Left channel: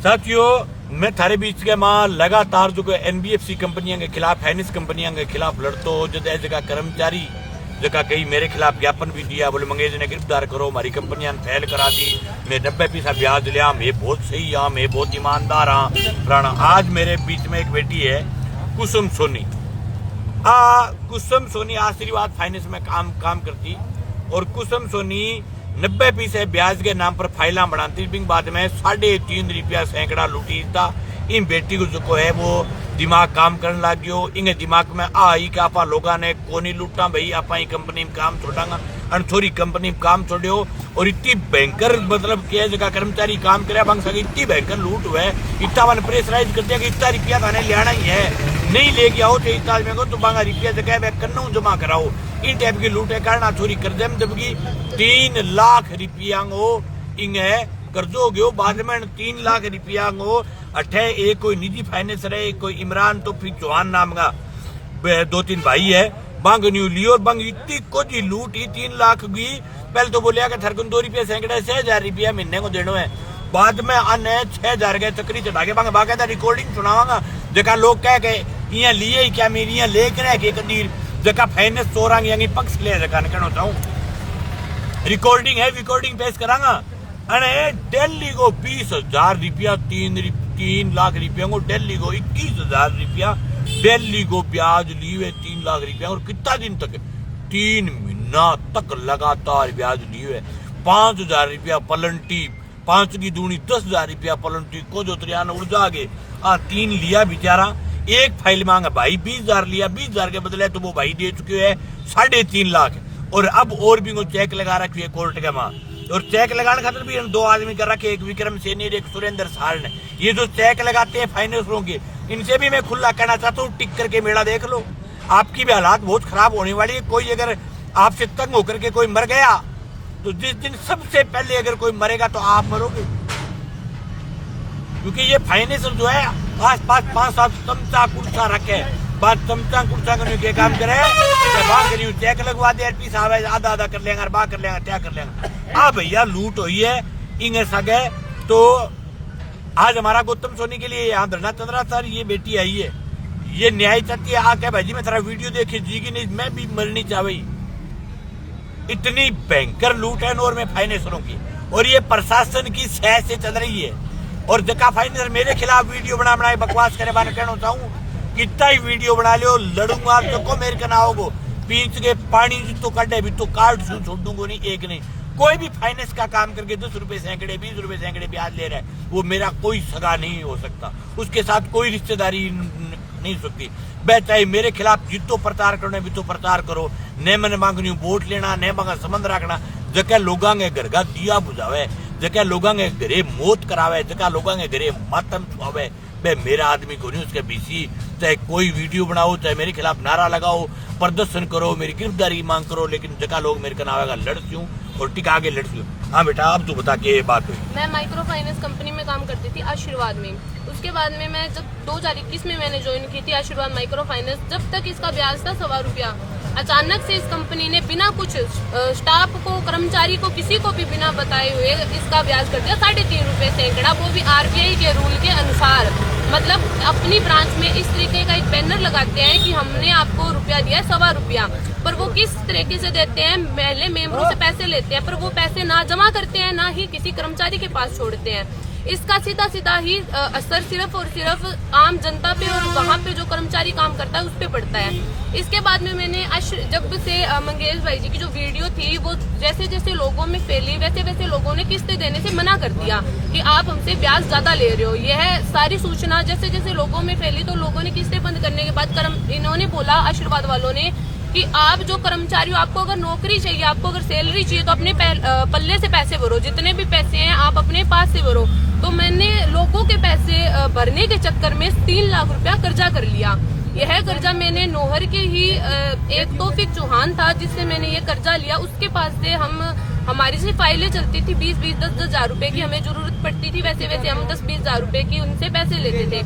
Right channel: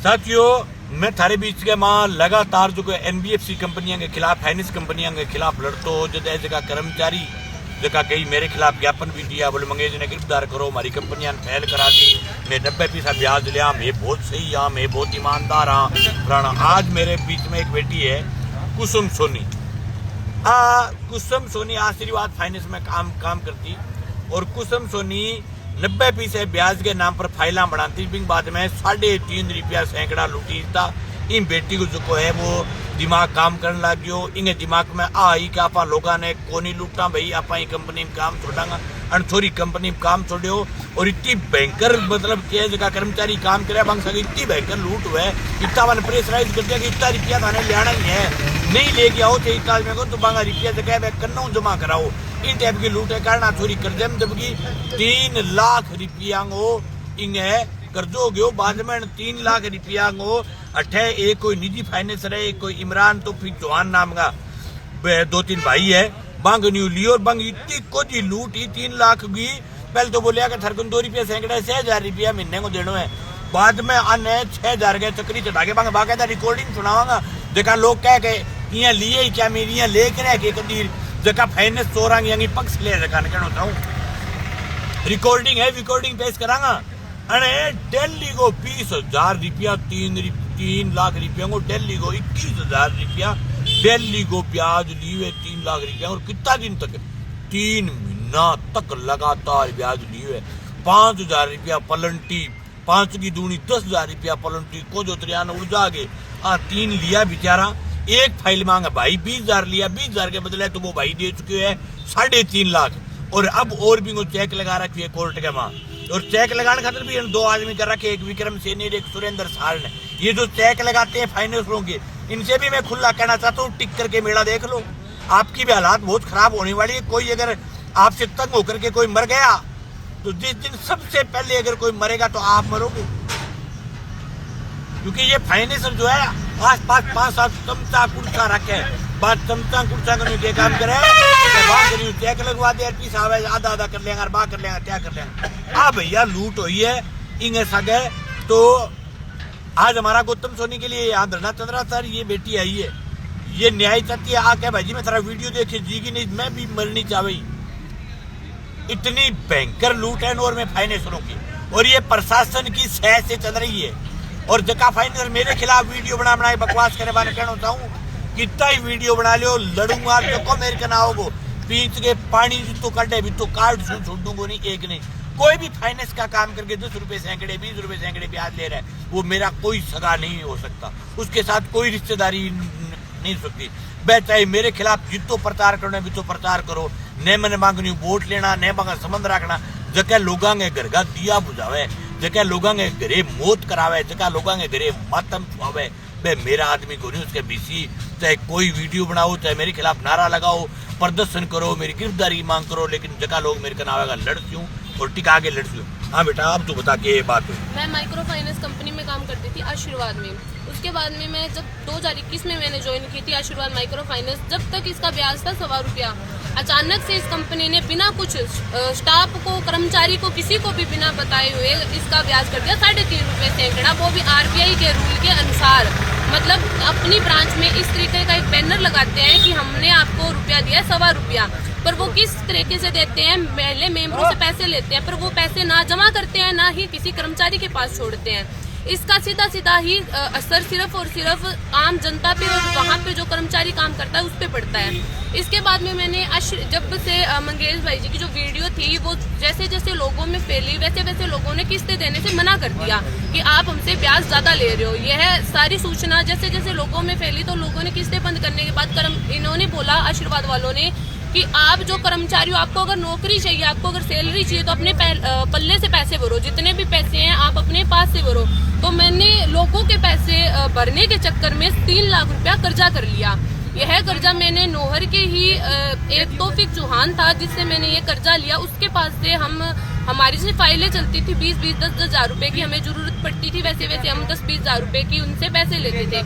साथियों, मैं थारे बीच के मां लगातार जो एनबीएफसी कंपनियां के खिलाफ, फाइनेंस कंपनियां के खिलाफ लड़तो हो। जगह कर्मचारी जगह कई मेरे खिलाफ ज्ञापन भी दिया, बोले मंगेज ने गिरफ्तार करो, हमारी कंपनियां फेल करा दी, मैं 90% ब्याज लिया, मैं बहुत सही हाँ, मैं बहुत ईमानदार हाँ फलाना। आज मेरे बीच में एक बेटी है कुसुम सोनी। कुसुम सोनी आशीर्वाद फाइनेंस में काम करती और कुसुम सोनी 90% ब्याज के नाम पर फाइला बनाती, बाद में 3.5 रुपया सैकड़ा लूटी था। इन बेटी को जो है वो दिमाग काम करने लग गयो। इन्हें दिमाग में आई कि आपा लोगा ने कोनी लूटा भाई, आपा ही कंपनी में काम छोड़ांगा, अनथोरी कंपनी में काम छोड़ो। और इतनी भयंकर मतलब क्या जगह कर्मचारी काम करे बंग सके, इतनी भयंकर लूट हुआ है। इतना मैंने प्रेशराइज कर दिया कि इतना रुपया थाने लेना ही है, नहीं लेके आओ तो इतना में को तो बांगा रुपया जगह मैं करना जमा कराओ। इन टाइप की लूट है कारण थोड़ी कर दे, जबकि 3 लाख रुपया इन्हें कर्जो गयो। बाद में 3 लाख रुपया अठे एक कोई निजी फाइनेंस रहे, कोई इमरान तो फिर चौहान नाम का 2-3 भाई है, बंग न्यू लियो। बंग इतनी कुछ लूट ही 3 लाख की। पहले तो बोलिया कि थरकन 2 रुपये सैकड़े 6,000 रुपया महीने को देना है। बाद में अन्य 6,000 के चक्री चढ़ा के बंग बाकायदा रिकॉर्डिंग सुनावागा। जगह लोग कह के यहाँ लिए ही क्या मेरी यहाँ लेकर है कि कदीर जगह फाइनेंस चोरांगी पक्ष ले जगह कहना चाहूँ। रिकॉर्डिंग है, रिकॉर्डिंग पेश करांगा। अरे दिल्ली को 20,000 रुपया, 3 लाख रुपया को दिल्ली को 21,000 रुपया दिल्ली को ब्याज लिए 3 लाख रुपया। और कितना दिन तक, 3 महीना तक लगातार ब्याज लिए। 5,000 रुपया पलंटी, 5 की दूनी 10,000 रुपया पलंटी को जो त्रियान उड़ जागे। 3 लिया बेचारा, एक फाइल मांगा भाई 20,000 लिया, 20,000 के बदले तो वो भाई दे चुके हैं 3.5 लाख। और अब और भी वो चेक लगा रखी है कोर्ट के मां। और चेक लगाने खातिर भी 2 आदमी कर रखे, एक विक्रम सैनी और एक सुरेंद्र साल ने। ये जो चेक लगाते हैं फाइनेंसरों के, इनसे भी मैं खुला कहना चाहता हूँ, टिक करके मेला देख लो। आपकी भी हालात बहुत खराब होने वाली है। कोई अगर आपसे तंग होकर के कोई मर गया तो जिस दिन सबसे पहले अगर कोई मरेगा तो आप मरोगे। क्योंकि ये फाइनेंसर जो है आस पास 5-7 चमचा कुर्सा रखे, बात चमचा कुर्सा करने के काम करे, चेक लगवा दे, आधा कर लेंगे, बा कर लेंगे, क्या कर लेंगे। भैया लूट हुई है इंगे सगे। तो आज हमारा गौतम सोनी के लिए यहाँ धरना चल रहा सर, ये बेटी आई है, ये न्याय चाहती है। आके भाई जी मैं तेरा वीडियो देखे जीगी नहीं, मैं भी मरनी चाहती। इतनी भयंकर लूट है नोर में फाइनेंसरों की, और ये प्रशासन की सह से चल रही है। और जका फाइनेंसर मेरे खिलाफ वीडियो बना बकवास करे बाने कहना चाहूँ, कितना ही वीडियो बना लियो, लड़ूंगा तो मेरे का ना होगो, पीछ के पानी तो कटे भी तो कार्ड छोड़ दूंगा नहीं, एक नहीं। कोई भी फाइनेंस का काम करके 10 रुपए सैकड़े 20 रुपए सैकड़े ब्याज ले रहा है, वो मेरा कोई सगा नहीं हो सकता, उसके साथ कोई रिश्तेदारी नहीं हो सकती। मैं चाहे मेरे खिलाफ जितो प्रचार करना भी तो प्रचार करो, न मैंने मांगनी वोट लेना, न मांगा संबंध रखना। जगह लोगों के घर का दिया बुझावे, जगह लोगों के घरे मौत करावे, जगह लोगों के घरे मातम छुआवे, बे मेरा आदमी को नहीं। उसके बीसी चाहे कोई वीडियो बनाओ, चाहे मेरे खिलाफ नारा लगाओ, प्रदर्शन करो, मेरी गिरफ्तारी की मांग करो, लेकिन जगह लोग मेरे का नाम आएगा लड़ती हूँ और टिका के लड़ती हूँ। हाँ बेटा, अब तू बता के ये बात हुई। मैं माइक्रो फाइनेंस कंपनी में काम करती थी आशीर्वाद में। उसके बाद में मैं जब 2021 में मैंने ज्वाइन की थी आशीर्वाद माइक्रो फाइनेंस, जब तक इसका ब्याज था 1.25 रुपया। अचानक से इस कंपनी ने बिना कुछ स्टाफ को, कर्मचारी को, किसी को भी बिना बताए हुए इसका ब्याज कर दिया 3.5 रुपये सैकड़ा, वो भी आरबीआई के रूल के अनुसार। मतलब अपनी ब्रांच में इस तरीके का एक बैनर लगाते हैं कि हमने आपको रुपया दिया 1.25 रुपया, पर वो किस तरीके से देते हैं, पहले मेंबरों से पैसे लेते हैं, पर वो पैसे ना जमा करते हैं, ना ही किसी कर्मचारी के पास छोड़ते हैं। इसका सीधा ही असर सिर्फ और सिर्फ आम जनता पे और वहाँ पे जो कर्मचारी काम करता है उस पे पड़ता है। इसके बाद में मैंने जब से मंगेश भाई जी की जो वीडियो थी वो जैसे जैसे लोगों में फैली, वैसे वैसे लोगों ने किस्तें देने से मना कर दिया कि आप हमसे ब्याज ज्यादा ले रहे हो। यह सारी सूचना जैसे जैसे लोगों में फैली तो लोगों ने किस्तें बंद करने के बाद इन्होंने बोला, आशीर्वाद वालों ने, कि आप जो कर्मचारी हो, आपको अगर नौकरी चाहिए, आपको अगर सैलरी चाहिए तो अपने पल्ले से पैसे भरो, जितने भी पैसे हैं आप अपने पास से भरो। तो मैंने लोगों के पैसे भरने के चक्कर में 3 लाख रुपया कर्जा कर लिया। यह कर्जा मैंने नौहर के ही एक तौफीक चौहान था जिससे मैंने ये कर्जा लिया, उसके पास से हमारी से फाइलें चलती थी 20-20, 10-10 हजार रुपए की हमें जरूरत पड़ती थी, वैसे वैसे हम 10-20 हजार रुपए की उनसे पैसे लेते थे।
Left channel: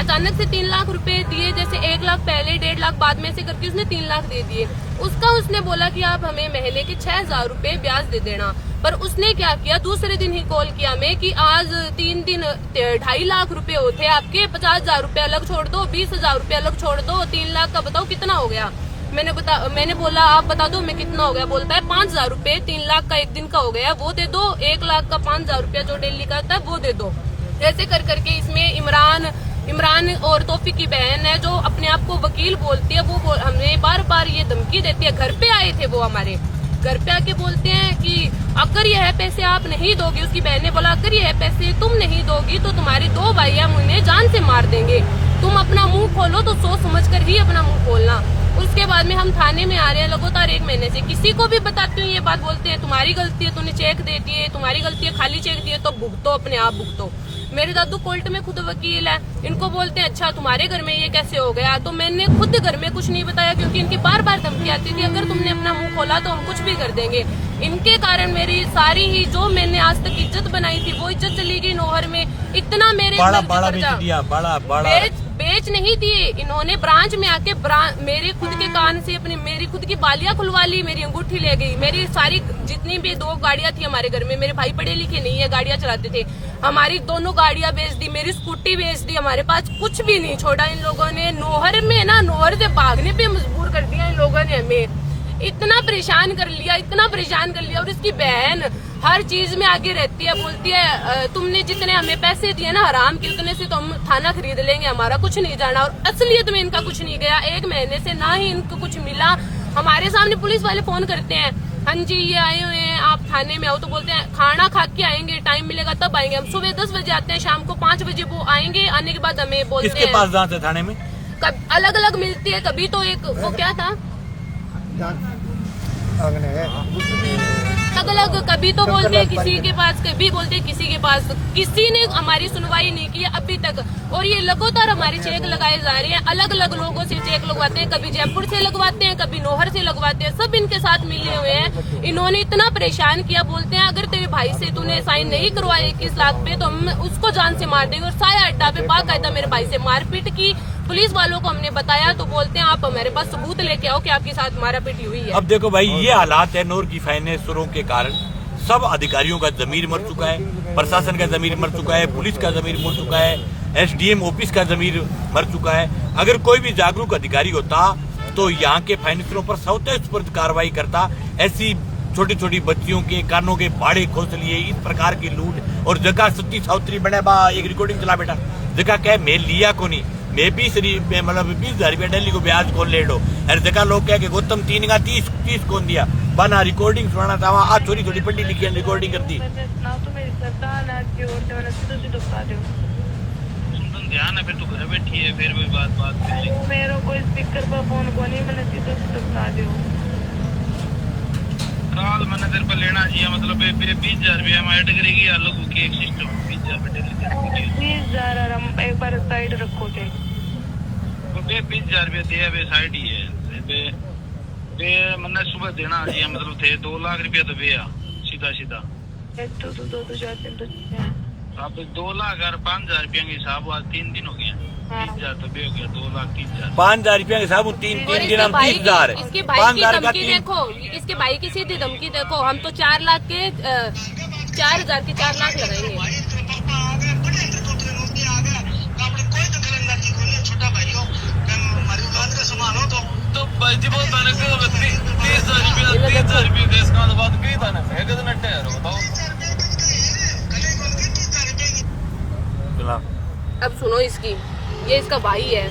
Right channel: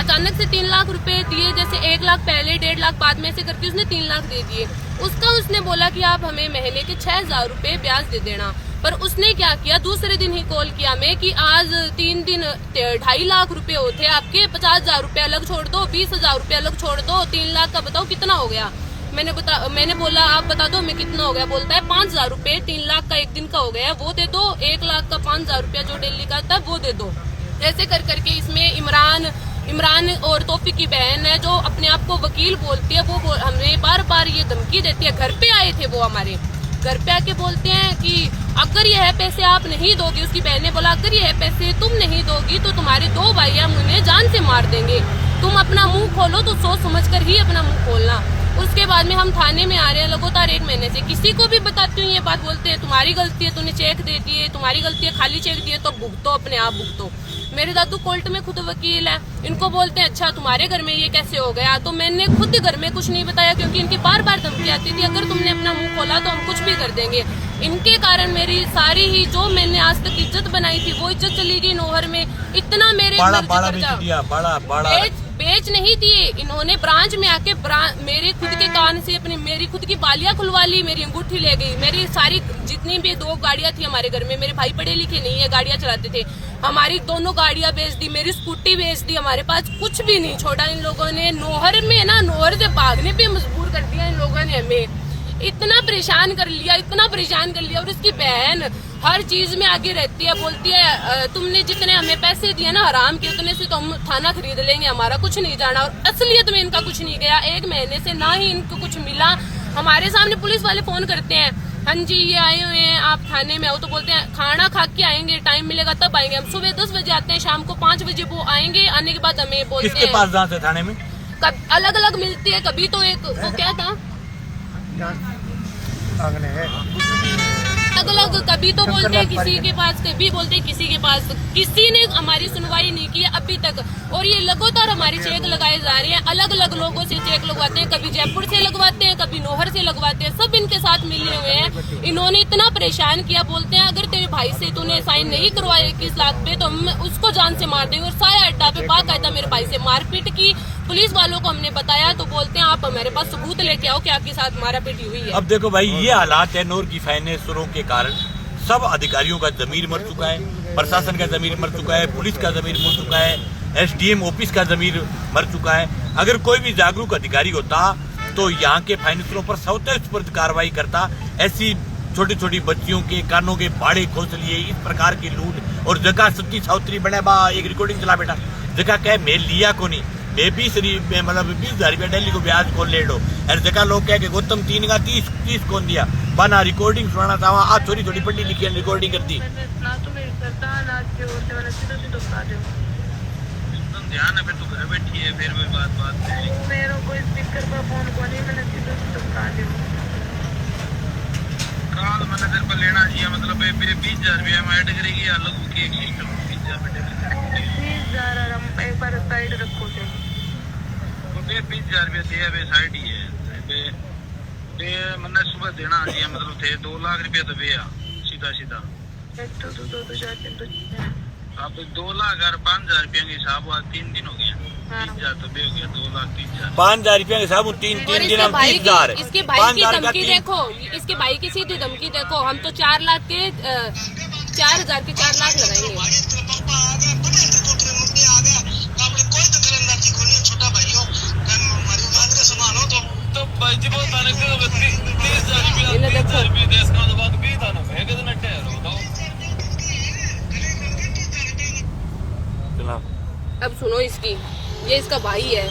अचानक से 3 लाख रुपए दिए, जैसे 1 लाख पहले, 1.5 लाख बाद में से करके उसने 3 लाख दे दिए। उसका उसने बोला कि आप हमें महीने के 6,000 रुपए ब्याज दे देना। पर उसने क्या किया, दूसरे दिन ही कॉल किया मैं कि आज 3 दिन 2.5 लाख रुपए होते आपके, 50,000 रुपए अलग छोड़ दो, 20,000 रुपए अलग छोड़ दो, 3 लाख का बताओ कितना हो गया। मैंने बोला आप बता दो मैं कितना हो गया। बोलता है 5,000 रुपए, 3 लाख का एक दिन का हो गया वो दे दो, 1 लाख का 5,000 रुपया जो डेली का था वो दे दो। ऐसे कर करके इसमें इमरान और तौफीक की बहन है जो अपने आप को वकील बोलती है, वो हमें बार बार ये धमकी देती है। घर पे आए थे वो, हमारे घर पे आके बोलते हैं कि अगर यह पैसे आप नहीं दोगी, उसकी बहन ने बोला अगर यह पैसे तुम नहीं दोगी तो तुम्हारे 2 भाई हम उन्हें जान से मार देंगे, तुम अपना मुंह खोलो तो सोच समझ कर ही अपना मुंह खोलना। उसके बाद में हम थाने में आ रहे हैं लगातार 1 महीने से, किसी को भी बताती हूँ ये बात, बोलते हैं तुम्हारी गलती है, तूने चेक दे दिए, तुम्हारी गलती है, खाली चेक दिए तो भुगतो, अपने आप भुगतो। मेरे दादू कोर्ट में खुद वकील है, इनको बोलते हैं अच्छा तुम्हारे घर में ये कैसे हो गया, तो मैंने खुद घर में कुछ नहीं बताया क्योंकि इनकी बार बार धमकी आती थी अगर तुमने अपना मुंह खोला तो हम कुछ भी कर देंगे। इनके कारण मेरी सारी ही जो मैंने आज तक इज्जत बनाई थी वो इज्जत चली गई नौहर में। इतना मेरे बेच नहीं दिए इन्होंने, ब्रांच में आके मेरे खुद के कान से मेरी खुद की बालियां खुलवा ली, मेरी अंगूठी ले गई, मेरी सारी जितनी भी 2 गाड़ियां थी हमारे घर में, मेरे भाई पढ़े लिखे नहीं है, गाड़ियां चलाते थे, हमारी दोनों गाड़ियां बेच दी, मेरी स्कूटी बेच दी, हमारे पास कुछ भी नहीं छोड़ा इन लोगों ने। नौहर में ना, नौहर से भागने पे मजबूर कर दिया इन लोगों ने, हमें इतना परेशान कर लिया, इतना परेशान कर लिया। और इसकी बहन हर चीज में आगे रहती है, बोलती है तुमने जितने हमें पैसे दिए ना हराम के, उतने से तो हम थाना खरीद लेंगे, हमारा कुछ नहीं जाना। और असलियत में इनका कुछ नहीं गया, 1 महीने से ना ही इनको कुछ मिला। हमारे सामने पुलिस वाले फोन करते हैं, हाँ जी ये आए हुए हैं आप थाने में आओ, तो बोलते हैं खाना खा के आएंगे, टाइम मिलेगा तब आएंगे। हम सुबह 10 बजे आते हैं, शाम को 5 बजे वो आएंगे, आने के बाद हमें बोलते हैं किसके पास जाते हैं थाने में? अलग अलग मिलती है, कभी तो एक वो क्या था अलग अलग, कभी तो बोलते हैं किसी के पास, कभी बोलते हैं किसी के पास। किसी ने हमारी सुनवाई नहीं की अभी तक, और ये लगातार हमारे चेक लगाए जा रहे हैं, अलग अलग लोगों से चेक लगवाते हैं, कभी जयपुर से लगवाते हैं, कभी नौहर से लगवाते हैं, सब इनके साथ मिले हुए हैं। इन्होंने इतना परेशान किया, बोलते हैं अगर तेरे भाई से तूने साइन नहीं करवाए 21 लाख पे तो हम उसको जान से मार देंगे। और साया अड्डा पे बाकायदा मेरे भाई से मारपीट की, पुलिस वालों को हमने बताया तो बोलते हैं आप हमारे पास सबूत लेके आओ कि आपके साथ मारापीट हुई है। अब देखो भाई ये हालात है, नूर की फाइनेंसरों के कारण सब अधिकारियों का जमीर मर चुका है, प्रशासन का जमीर मर चुका है, पुलिस का जमीर मर चुका है, SDM ऑफिस का जमीर मर चुका है। अगर कोई भी जागरूक अधिकारी होता तो यहाँ के फाइनेंसरों पर स्वतः कार्रवाई करता। ऐसी छोटी छोटी बच्चियों के कानों के बाड़े खोस लिए, इस प्रकार की लूट और जगह सत्ती साउत्री बने बा एक रिकॉर्डिंग चला बेटा जगह कह मैं लिया को नहीं, मैं 20,000 रुपया डेली को ब्याज को ले लो। हर जगह लोग कह के गौतम 3 का 30 कौन दिया बना रिकॉर्डिंग सुनाना था, आज छोटी छोटी पढ़ी लिखी रिकॉर्डिंग कर दी। ध्यान है फिर तो घर बैठी है, फिर भी बात पे मेरे को स्पीकर पर फोन को नहीं, मैंने सीधे बता दियो काल मैंने तेरे पर लेना चाहिए, मतलब 20,000 रुपया हम ऐड करेगी अलग की एक सिस्टम 20,000 हम एक बार साइड रखो थे 20,000 रुपया दिया वे साइड ही है बे मैंने सुबह देना चाहिए, मतलब थे 2 लाख रुपया तो वे सीधा अब 2 लाख और 5,000 रुपया के हिसाब आज 3 दिन हो गया, 30,000 तो बे हो गया, 2 लाख 30,000 5,000 रुपया के हिसाब 3 दिन हम 30,000 इसके भाई की धमकी देखो, इसके भाई की सीधी धमकी देखो, हम तो 4 लाख के 4,000 के 4 लाख लगाएंगे। तो भाई जी बहुत ताने को 30,000 रुपया देश का बाद की ताने फेंक देना ठहर बताओ। चला अब सुनो इसकी, ये इसका भाई है।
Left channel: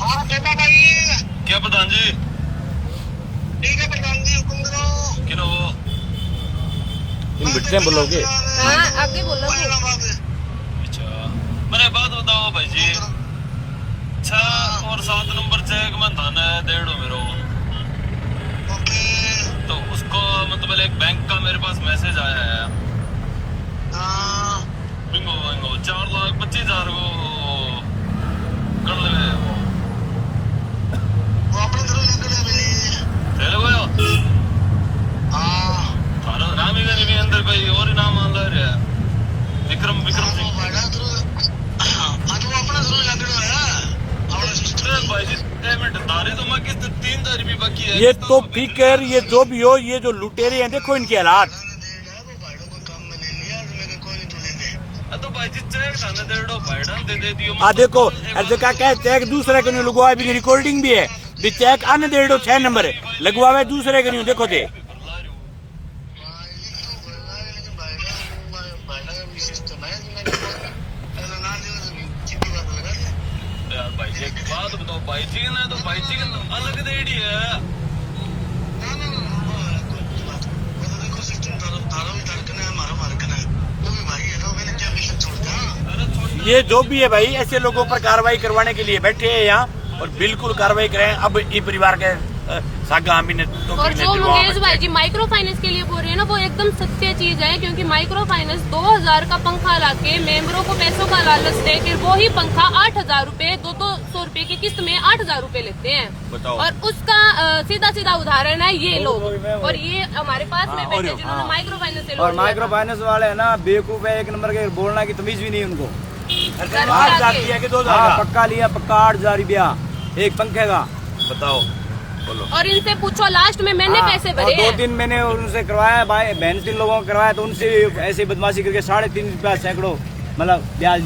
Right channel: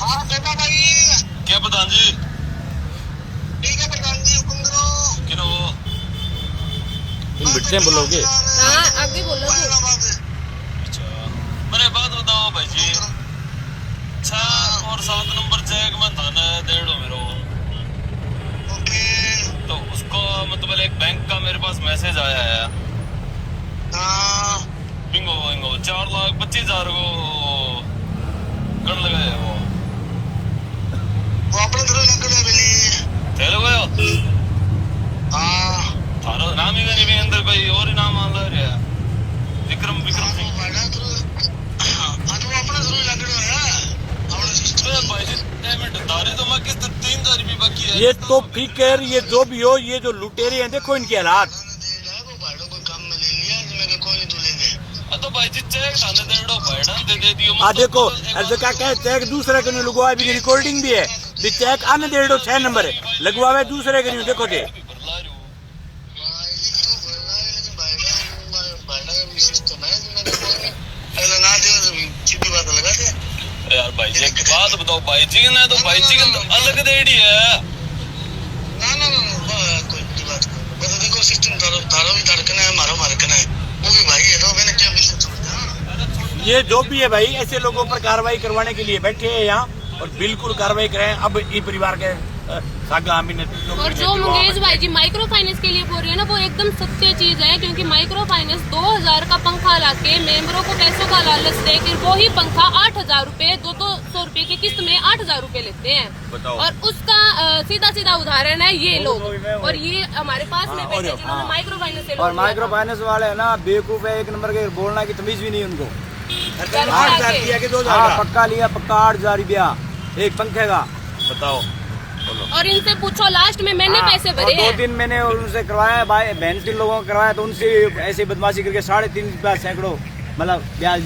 हाँ बेटा भाई क्या प्रधान जी? ठीक है प्रधान जी हुक्म करो। किनो वो तुम बिटते हैं बोलोगे? हाँ आगे बोलोगे। अच्छा मेरे बात बताओ भाई जी, 6 और 7 नंबर चेक में धन है 1.5 मेरो, ओके तो उसको मतलब एक बैंक का मेरे पास मैसेज आया है, हाँ बिंगो 4,25,000 को कर लगे वो अपने तरह लग रहा है चलो गयो। हाँ थारा नाम ही नहीं अंदर भाई और ही नाम मान रहा है विक्रम सिंह आज वो अपना जरूर लग रहा है अपना सिस्टम भाई जी पेमेंट तारी तो मैं किस्त 3,000 रुपये बाकी है ये तो फिकर, ये जो भी हो, ये जो लुटेरे हैं, देखो इनके हालात। तो भाई जी चेक खाने दे दो भाई दे दियो देखो ऐसे क्या कहे, चेक दूसरे के नहीं लगवा, अभी रिकॉर्डिंग भी है, भी चेक आने दे दो 6 नंबर लगवावे दूसरे के नहीं। देखो दे यार भाई जी एक बात बताओ, भाई जी ने तो भाई जी का अलग देड़ी है। ये जो भी है भाई, ऐसे लोगों पर कार्रवाई करवाने के लिए बैठे हैं यहाँ, और बिल्कुल कार्रवाई करें। अब ये परिवार के सागा हम ने तो और जो मंगेश भाई जी माइक्रो फाइनेंस के लिए बोल रहे हैं ना, वो एकदम सत्य चीज है, क्योंकि माइक्रो फाइनेंस 2000 का पंखा लाके मेंबरों को पैसों का लालच दे के वो ही पंखा 8000 रूपए 200 रूपए की किस्त में 8000 रूपए लेते हैं। और उसका सीधा सीधा उदाहरण है ये लोग, और ये हमारे पास में बैठे जिन्होंने माइक्रो फाइनेंस से। और माइक्रो फाइनेंस वाले है ना बेवकूफ है, एक नंबर के, बोलना की तमीज भी नहीं उनको। 8000 दिया कि 2000? हाँ पक्का लिया, पक्का 8000 रुपया एक पंखे का। बताओ बोलो। और इनसे पूछो, लास्ट में मैंने पैसे भरे हैं। 2 दिन मैंने उनसे करवाया, भाई बहन के लोगों को करवाया, तो उनसे ऐसी बदमाशी करके 3.5 रुपया सैकड़ों मतलब ब्याज दिया।